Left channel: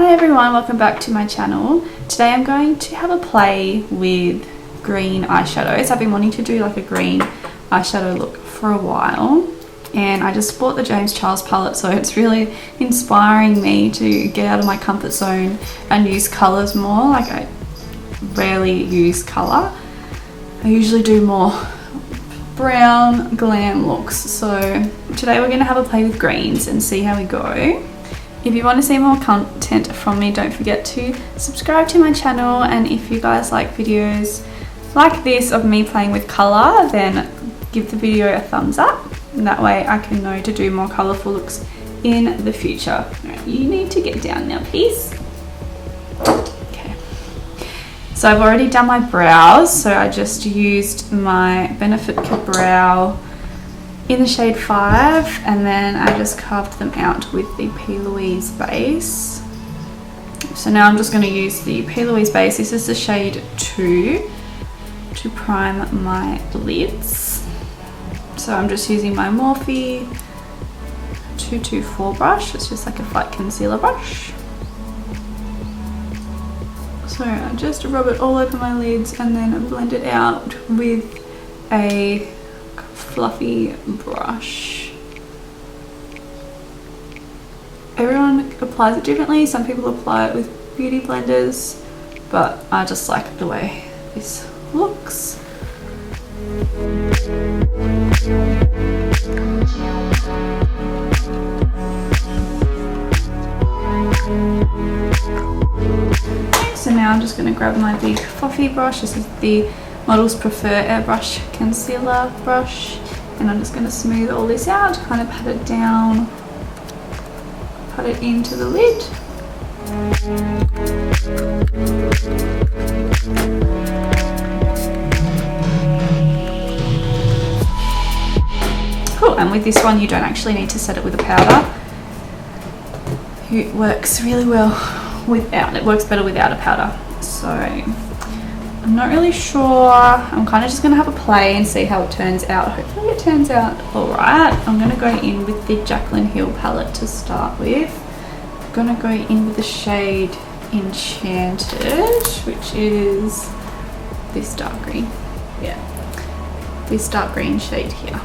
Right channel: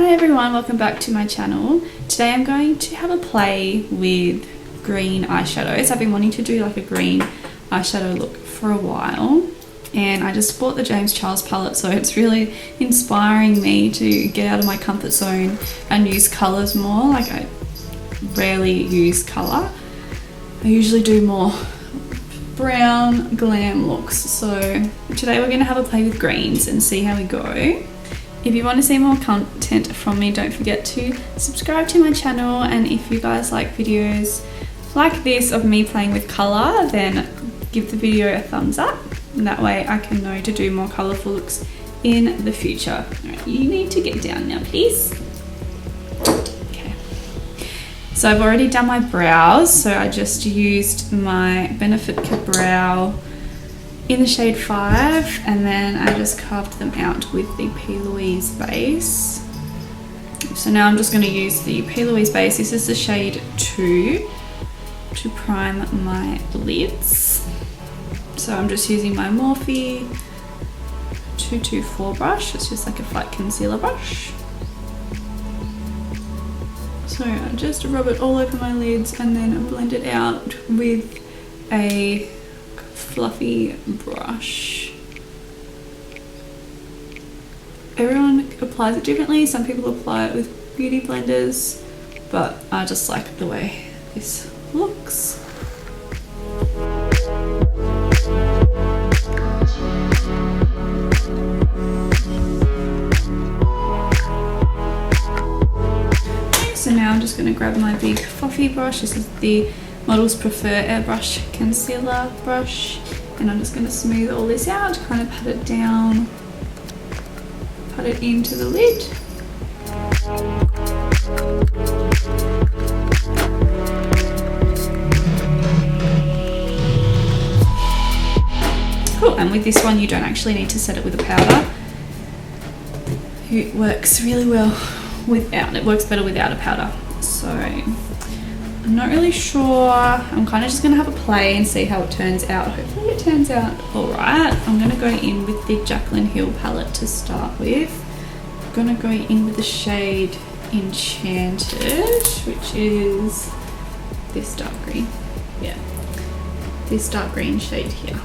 Hi everyone, welcome back to my channel. Today I'm going to have a play with green eyeshadows. I've been wanting to do like a green eyeshadow look for a while, and I just bought the James Charles palette, so it's really inspiring me to get out of my comfort zone and use colours more. Like, I rarely use colour. I usually do more brown glam looks. So today we're going to have a play with greens and see how we go. If you want to see more content from me, don't forget to subscribe to my channel, and if you guys like videos like this of me playing with colour, then give the video a thumbs up, and that way I can know to do more colourful looks in the future. Right, you need to get down now, please. Okay, so I've already done my brows, so I just used my Benefit Brow in the shade 5, and then I just carved them out with the P. Louise base. So now I'm just going to use the P. Louise base. This is the shade 2 to prime my lids. So I'm just using my Morphe 224 brush. It's just like a flat concealer brush. So I just rub it all over my lids and then blend it out with a fluffy brush. Everyone applies it differently. Some people apply it with beauty blenders, but I just like the way this looks. Okay, so now I'm just going to grab my big fluffy brush. This is the Models Prefer Airbrush Concealer brush, and I'm just going to smooth all this out, kind of pat it down, pat it into the lid. Cool, and with this one you don't actually need to set it with a powder. It works really well without, it works better without a powder. So I'm not really sure. I'm kind of just going to have a play and see how it turns out. Hopefully it turns out alright. I'm going to go in with the Jaclyn Hill palette to start with. I'm going to go in with the shade Enchanted, which is this dark green. Yeah, this dark green shade here.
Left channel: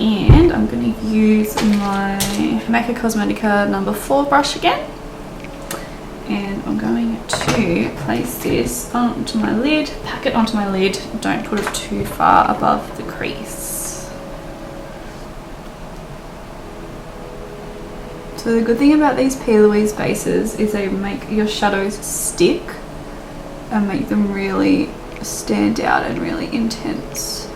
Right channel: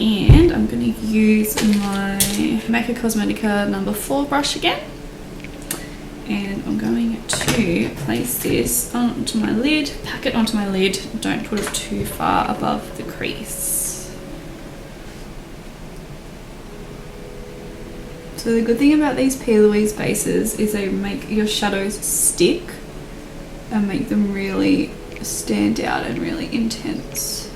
And I'm going to use my Makeup Cosmetica number 4 brush again. And I'm going to place this onto my lid, pack it onto my lid, don't put it too far above the crease. So the good thing about these P. Louise bases is they make your shadows stick and make them really stand out and really intense.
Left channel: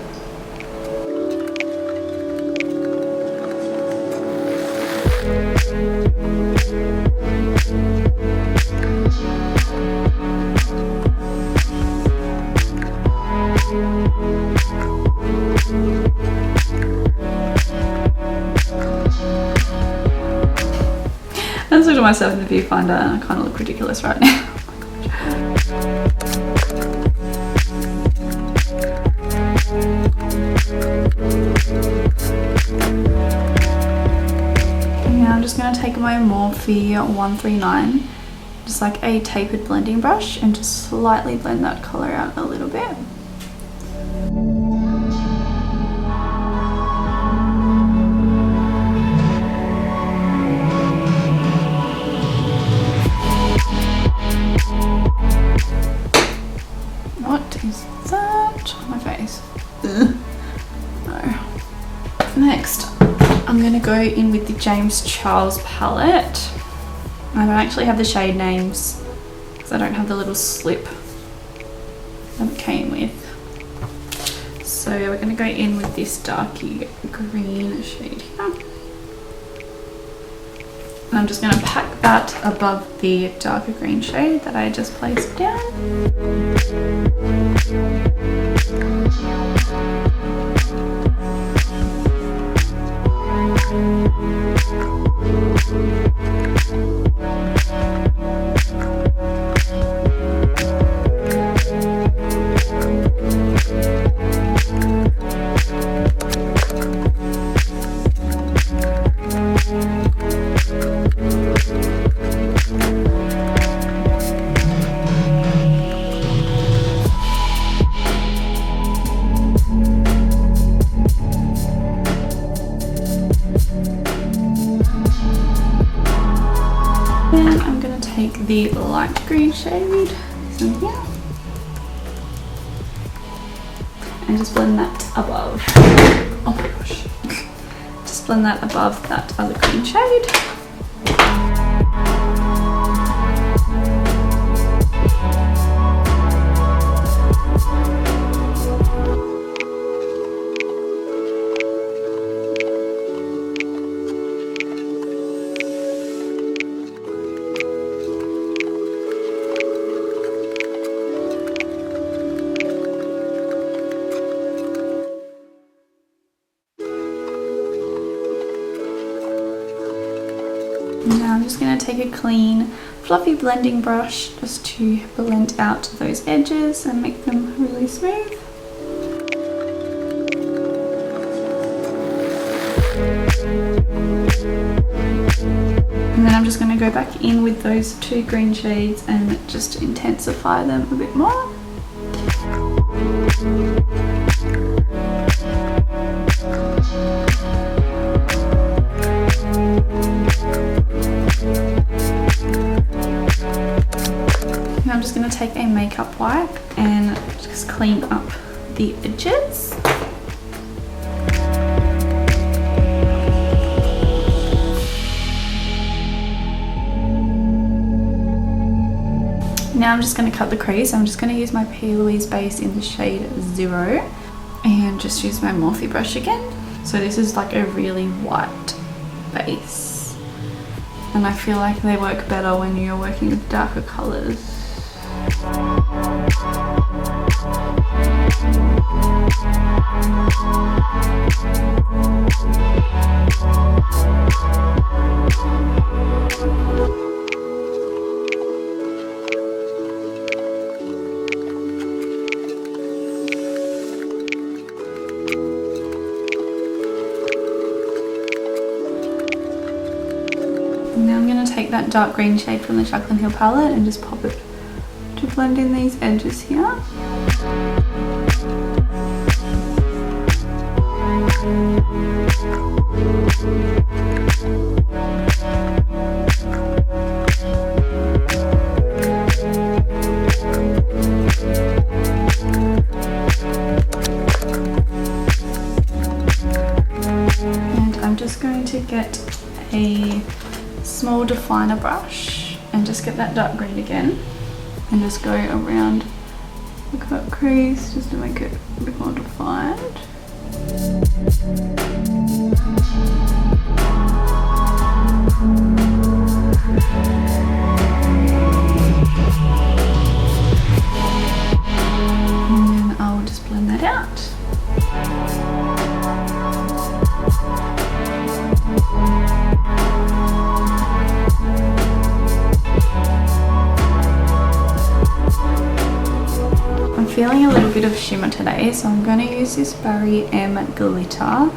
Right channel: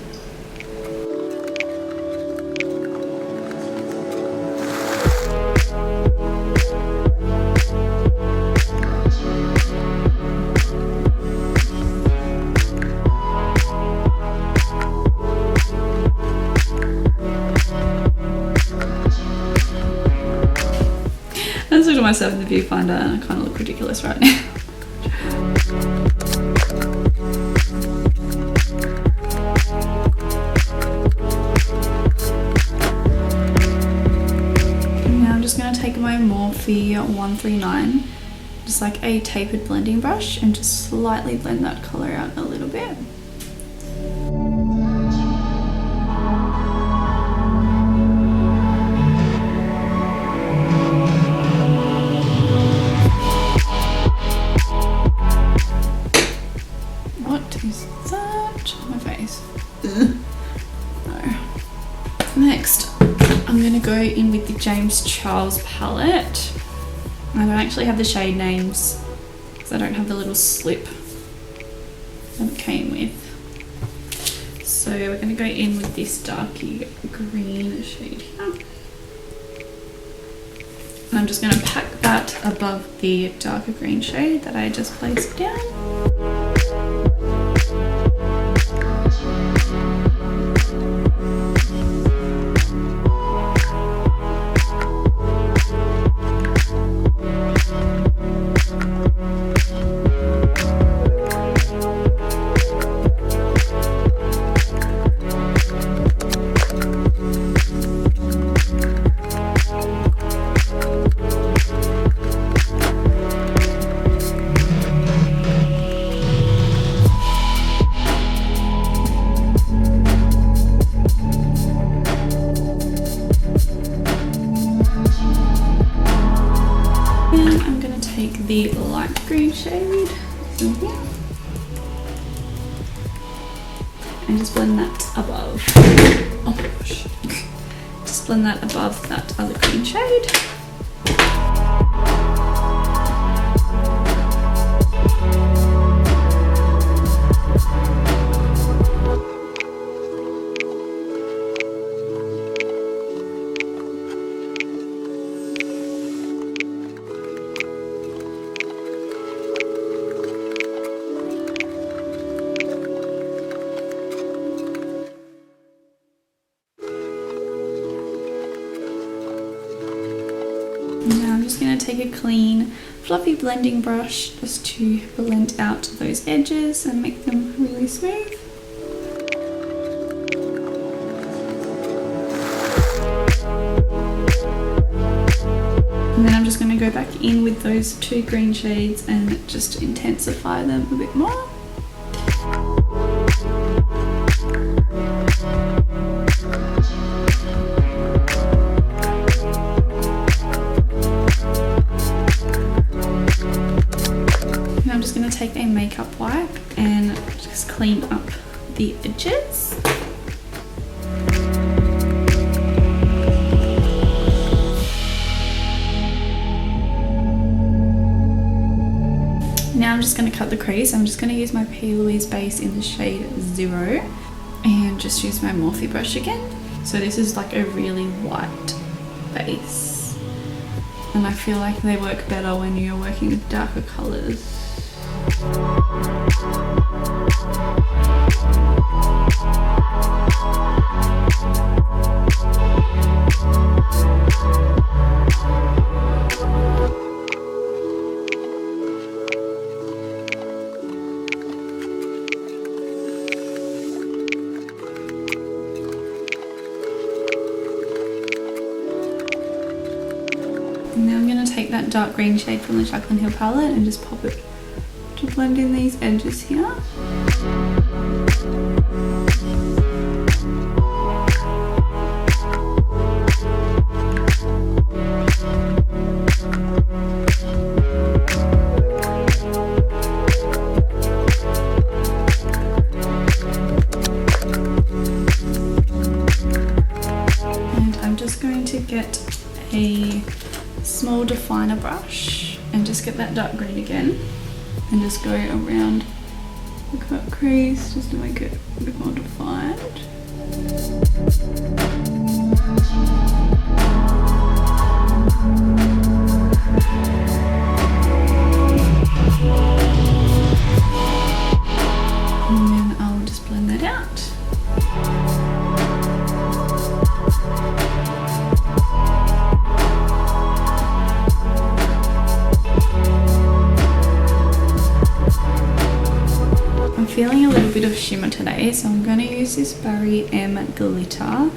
I just looked at myself in the viewfinder and I kind of look ridiculous right now. And now I'm just going to take my Morphe 139, just like a tapered blending brush, and just slightly blend that colour out a little bit. Is that on my face? Ugh. No. Next, I'm going to go in with the James Charles palette. I don't actually have the shade names because I don't have the little slip that it came with. So we're going to go in with this darky green shade here. And I'm just going to pack that above the darker green shade that I just placed down. take the light green shade in here and just blend that above. Oh my gosh. Just blend that above that other green shade. Now I'm just going to take a clean, fluffy blending brush just to blend out those edges and make them really smooth. And then I'm just going to go back in with those two green shades and just intensify them a bit more. I'm just going to take a makeup wipe and just clean up the edges. Now I'm just going to cut the crease. I'm just going to use my P. Louise base in the shade 0 and just use my Morphe brush again. So this is like a really white base and I feel like they work better when you're working with darker colours. And now I'm going to take that dark green shade from the Jaclyn Hill palette and just pop it to blend in these edges here. And I'm just going to get a small definer brush and just get that dark green again and just go around the cut crease just to make it a bit more defined. And then I'll just blend that out. Feeling a little bit of shimmer today, so I'm going to use this Barry M glitter.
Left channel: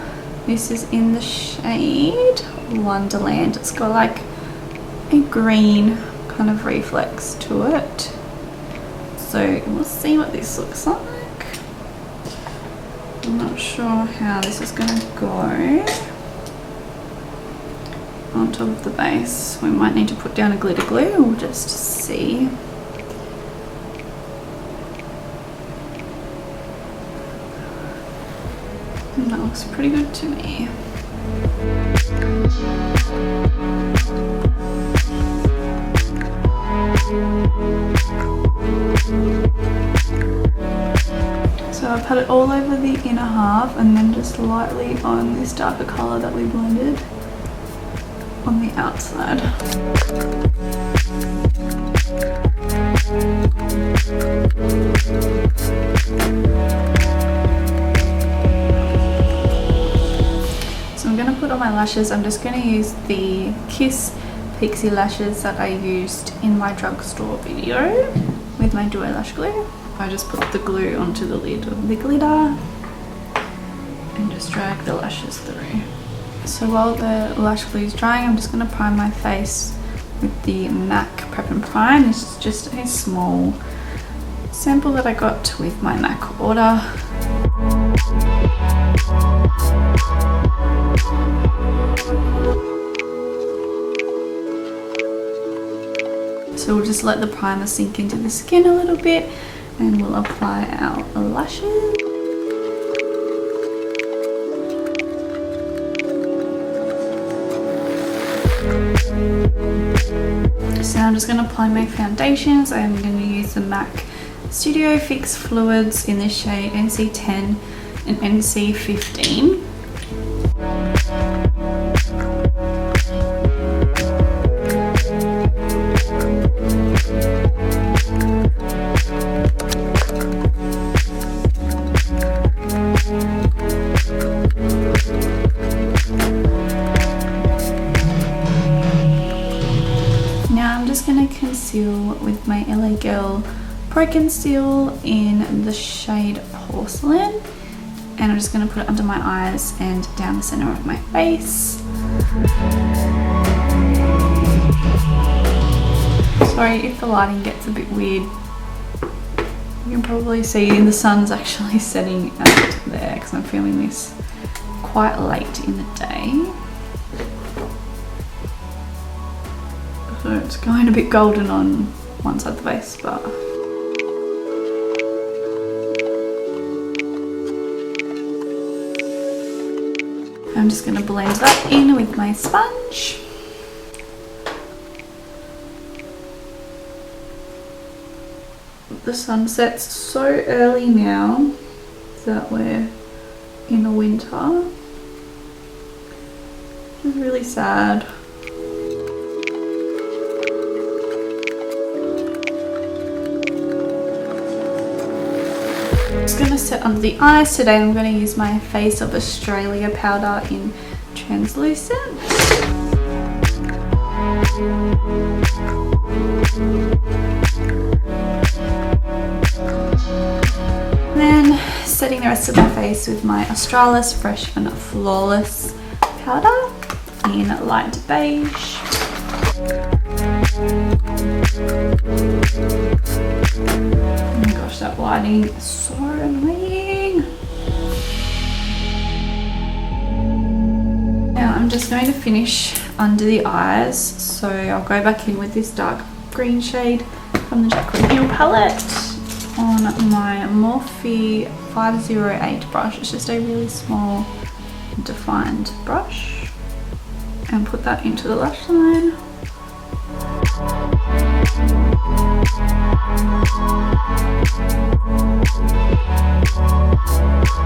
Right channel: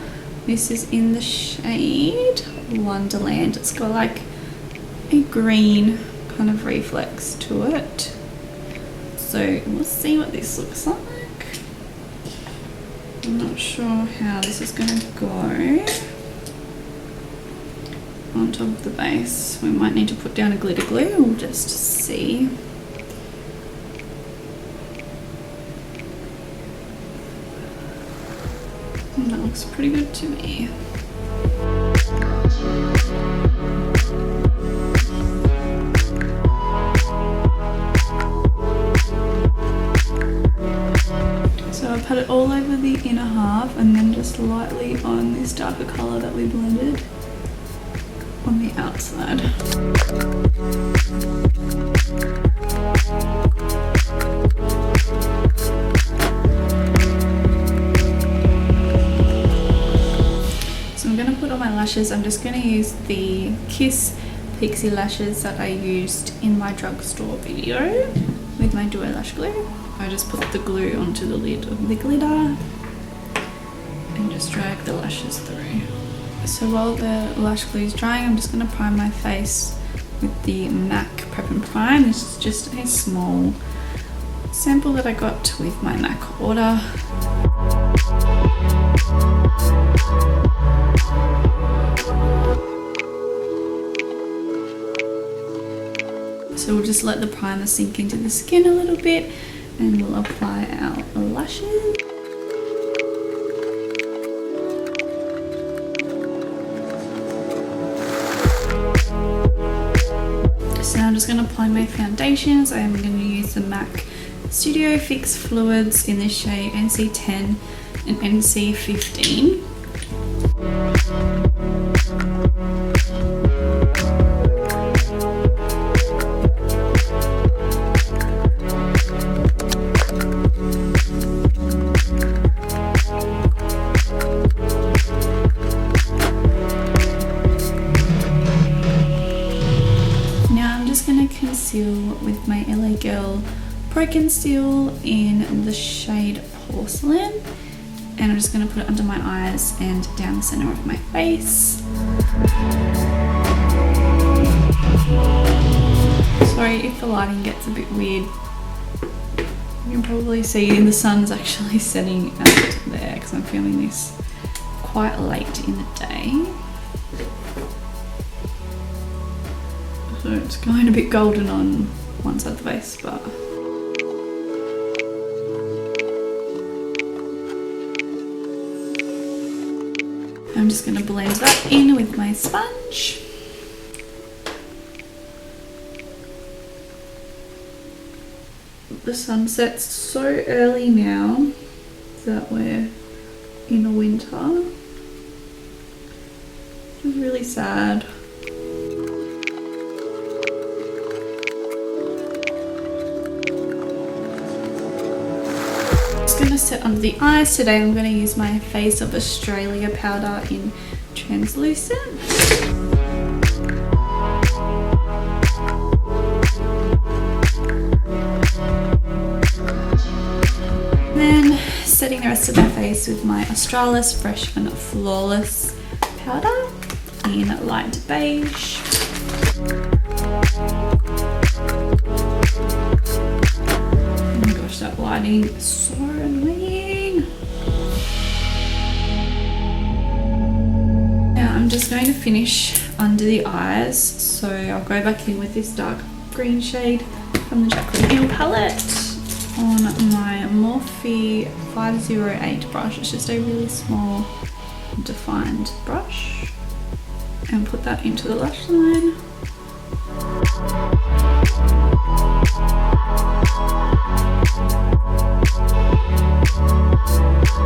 This is in the shade Wonderland. It's got like a green kind of reflex to it, so we'll see what this looks like. I'm not sure how this is going to go on top of the base. We might need to put down a glitter glue. We'll just see. And that looks pretty good to me. So I put it all over the inner half and then just lightly on this darker colour that we blended on the outside. I'm going to put on my lashes. I'm just going to use the Kiss Pixie lashes that I used in my drugstore video with my duo lash glue. I just put the glue onto the lid of the glitter and just drag the lashes through. So while the lash glue is drying, I'm just going to prime my face with the MAC Prep and Prime. This is just a small sample that I got with my MAC order. So we'll just let the primer sink into the skin a little bit and we'll apply our lashes. So now I'm just going to apply my foundations. I am going to use the MAC Studio Fix Fluids in the shade NC10 and NC15. Now I'm just going to conceal with my LA Girl Pro Conceal in the shade Porcelain, and I'm just going to put it under my eyes and down the center of my face. Sorry if the lighting gets a bit weird. You can probably see the sun's actually setting out there because I'm filming this quite late in the day. So it's going a bit golden on one side of the face, but I'm just going to blend that in with my sponge. The sun sets so early now that we're in the winter. It's really sad. Just going to set under the eyes. Today I'm going to use my Face of Australia powder in translucent. Then setting the rest of my face with my Australis Fresh and Flawless powder in light beige. Oh my gosh, that lighting is so annoying. Now I'm just going to finish under the eyes, so I'll go back in with this dark green shade from the Jaclyn Hill palette on my Morphe 508 brush. It's just a really small defined brush, and put that into the lash line.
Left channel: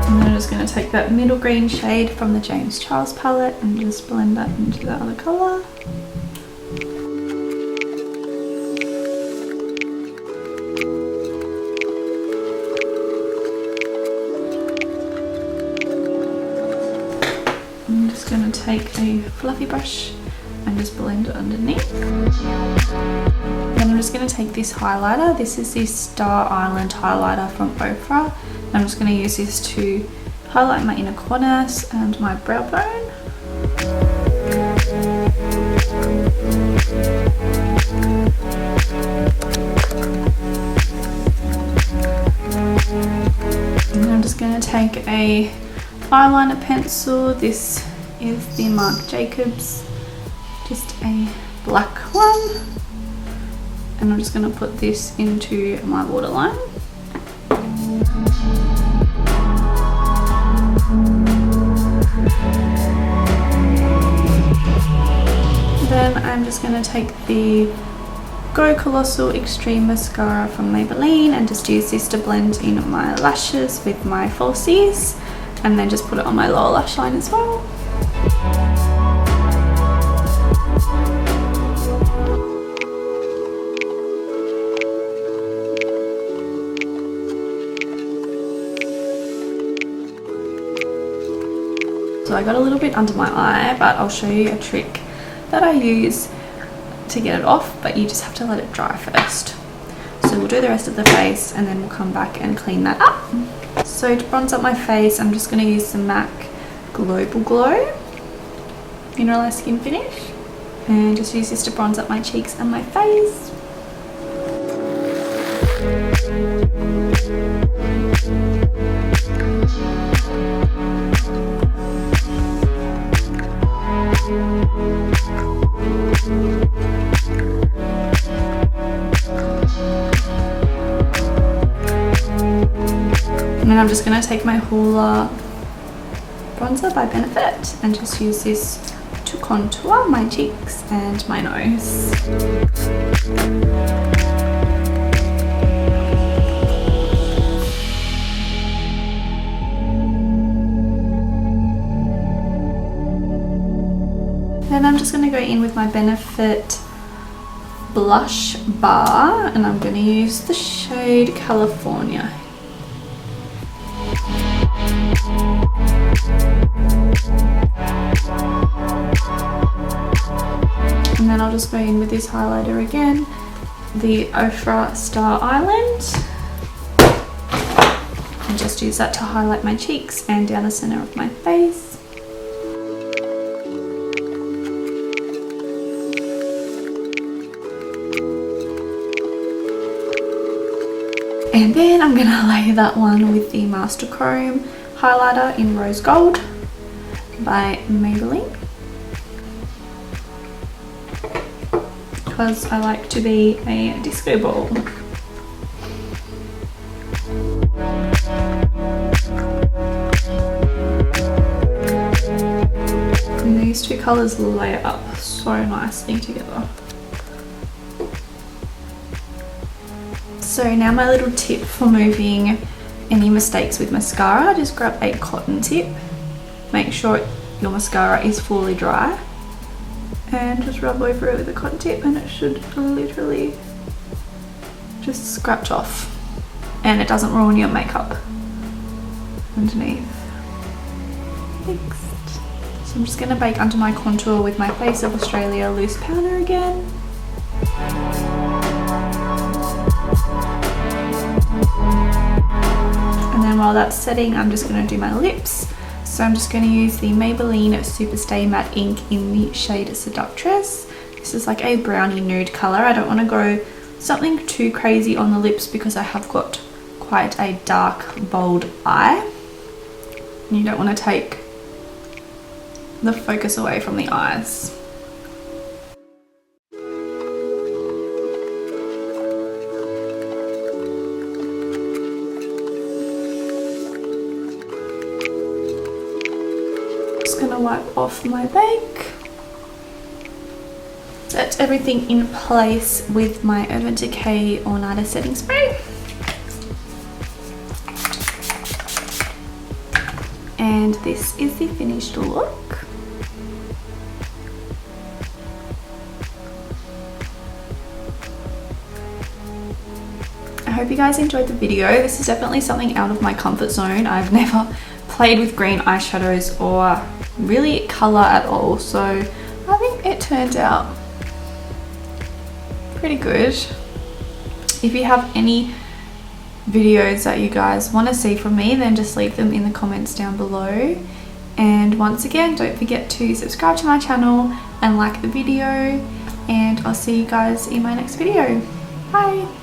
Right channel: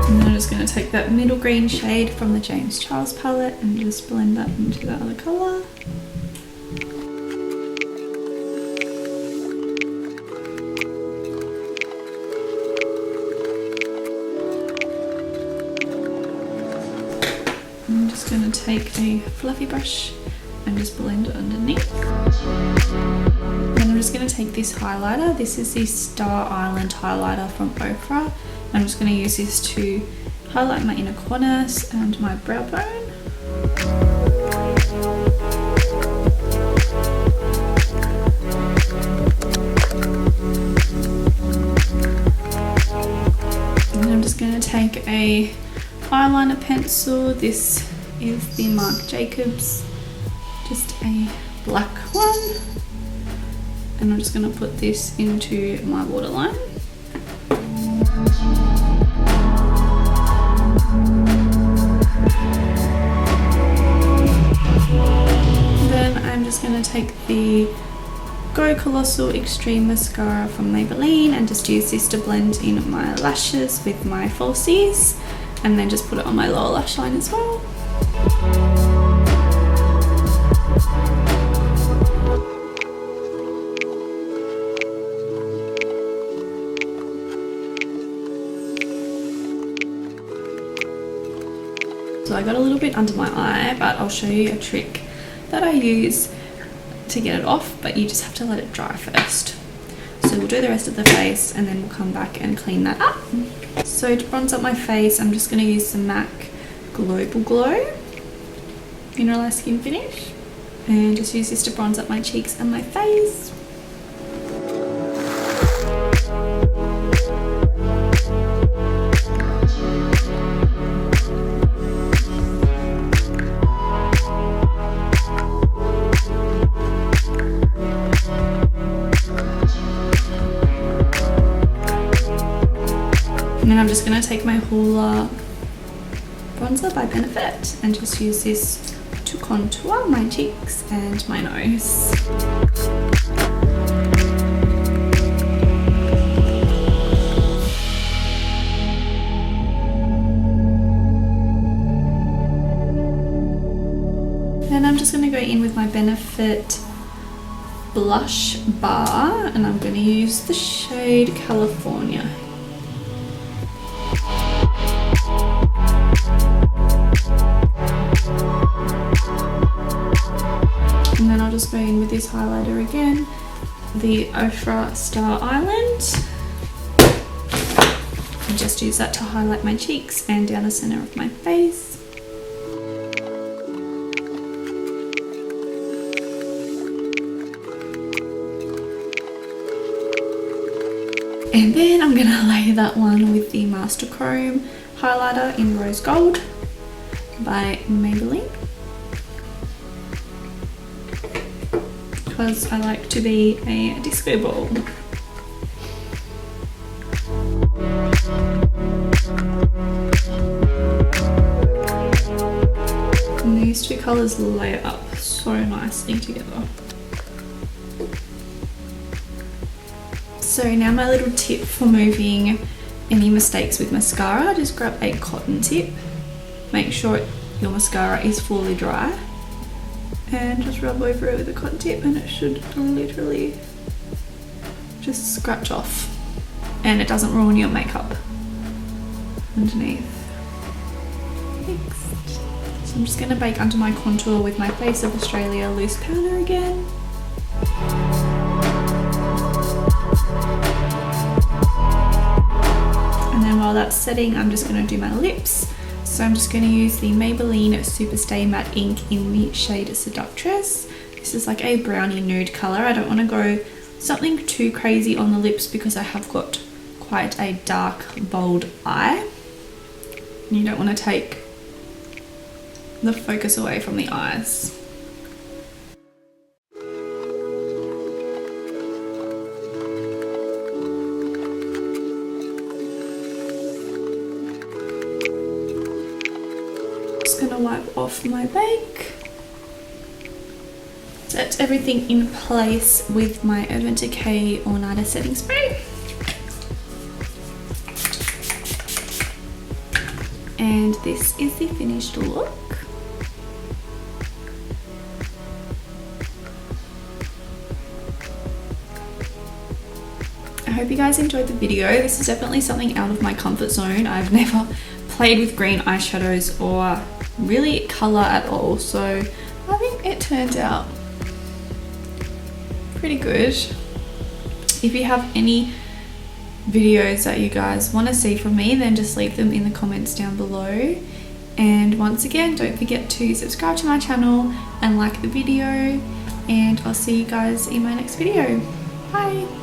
And then I'm just going to take that middle green shade from the James Charles palette and just blend that into the other colour. I'm just going to take a fluffy brush and just blend it underneath. Then I'm just going to take this highlighter. This is the Star Island highlighter from Ofra. I'm just going to use this to highlight my inner corners and my brow bone. And then I'm just going to take a eyeliner pencil. This is the Marc Jacobs, just a black one, and I'm just going to put this into my waterline. Then I'm just going to take the Go Colossal Extreme Mascara from Maybelline and just use this to blend in my lashes with my falsies, and then just put it on my lower lash line as well. So I got a little bit under my eye, but I'll show you a trick that I use to get it off, but you just have to let it dry first. So we'll do the rest of the face and then we'll come back and clean that up. So to bronze up my face, I'm just going to use the MAC Global Glow Mineralized Skin Finish, and just use this to bronze up my cheeks and my face. And I'm just going to take my Hoola bronzer by Benefit and just use this to contour my cheeks and my nose. And I'm just going to go in with my Benefit blush bar, and I'm going to use the shade California. And then I'll just go in with this highlighter again, the Ofra Star Island, and just use that to highlight my cheeks and down the center of my face. And then I'm gonna lay that one with the Master Chrome highlighter in Rose Gold by Maybelline, because I like to be a disco ball. And these two colours layer up so nicely together. So now my little tip for moving any mistakes with mascara, just grab a cotton tip, make sure your mascara is fully dry, and just rub over it with a cotton tip, and it should literally just scratch off, and it doesn't ruin your makeup underneath. Next, so I'm just going to bake under my contour with my Face of Australia loose powder again. And then while that's setting, I'm just going to do my lips. So I'm just going to use the Maybelline Superstay Matte Ink in the shade Seductress. This is like a brownie nude colour. I don't want to go something too crazy on the lips because I have got quite a dark, bold eye. And you don't want to take the focus away from the eyes. Just gonna wipe off my bake. Set everything in place with my Urban Decay All Nighter setting spray. And this is the finished look. I hope you guys enjoyed the video. This is definitely something out of my comfort zone. I've never played with green eyeshadows or really colour at all, so I think it turned out pretty good. If you have any videos that you guys want to see from me, then just leave them in the comments down below. And once again, don't forget to subscribe to my channel and like the video, and I'll see you guys in my next video. Bye!